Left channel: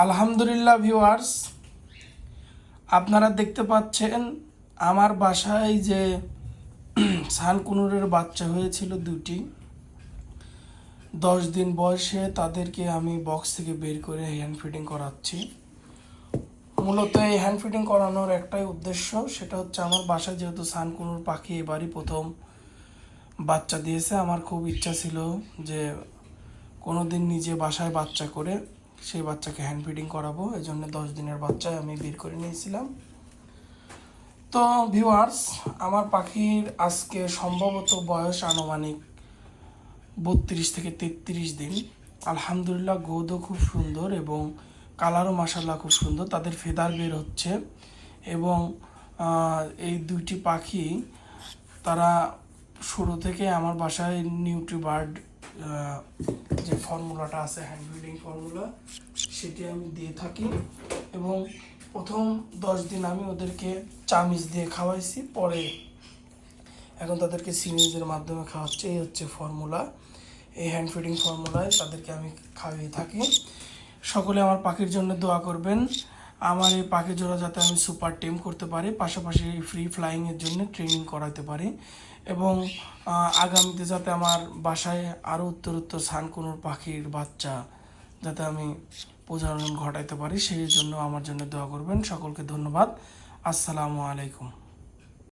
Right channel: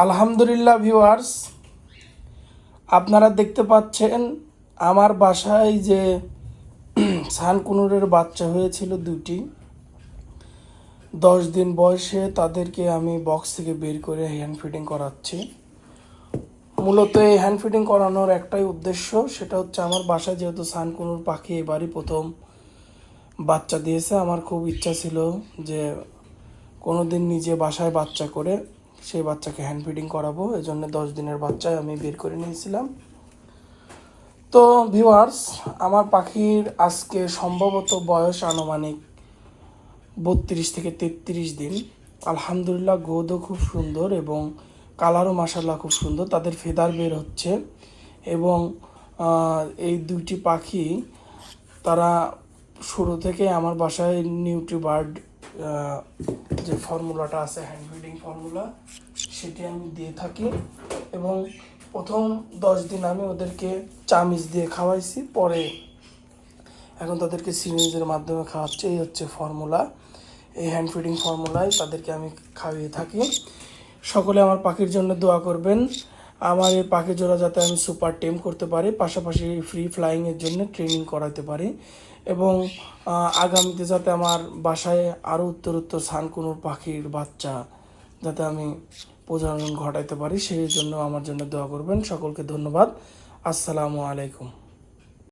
আলহামদুলিল্লাহ ভিউয়ার্স, আপনারা দেখতে পাচ্ছেন আমার বাসায় যে সানকুনুরের বাচ্চা হয়েছিল দুটি। 10 দিন বয়সে তাদেরকে আমি বক্স থেকে বের করে হ্যান্ড ফিডিং করাচ্ছি। মূলত এই হ্যান্ড ফিডিং করানোর একটাই উদ্দেশ্য, সেটা হচ্ছে আমার বাসায় যেহেতু সানকুনুর পাখি এবারই প্রথম বাচ্চা দিয়েছে, আমার খুব ইচ্ছা ছিল যে কোনোদিন নিজে বাসায় বাচ্চা করে সেই বাচ্চাকে হ্যান্ড ফিডিং করাবো। এজন্য 10 দিনের বাচ্চা আমি বের করে নিয়েছিলাম। তো ভিউয়ার্স, আমার পাখির আজকে সম্ভবত বয়স আনুমানিক 32 থেকে 33 দিন। আলহামদুলিল্লাহ, গ্রোথও খুব সুন্দর এবং কালারও মাশাআল্লাহ খুব সুন্দর। তাদের ফেদার বের হচ্ছে এবং এই দুইটি পাখি তারা শুরু থেকে আমার বাসায় নিউট্রিবার্ড যে ফর্মুলাটা আছে, হ্যান্ড ফিডিং ফর্মুলা, সেটি আমি দিয়ে থাকি এবং প্রথম 10 দিন আমি ওদেরকে চামিচ দিয়ে খাওয়াইছি, পরে এখন তাদেরকে সিরিঞ্জের মাধ্যমে খাওয়াচ্ছি। এই হচ্ছে ফর্মুলা, এই হ্যান্ড ফিডিং ফর্মুলায় তাদেরকে আমি খাইয়ে থাকি। সকলে আমার পাখির জন্য দোয়া করবেন, আমার এই পাখি জোড়া যাতে আমি সুপার টেম করতে পারি, পাশাপাশি ফ্রি ফ্লাইংয়ের জন্য ট্রেনিং করাতে পারি এবং আগামীতে যাতে আমার বাসায় আরও উত্তরোত্তর সানকুনুর পাখির বাচ্চা যাতে আমি প্রজনন ঘটাইতে পারি, সেই জন্য আমার জন্য দোয়া করবেন। সকলকে ধন্যবাদ। আসসালামু আলাইকুম।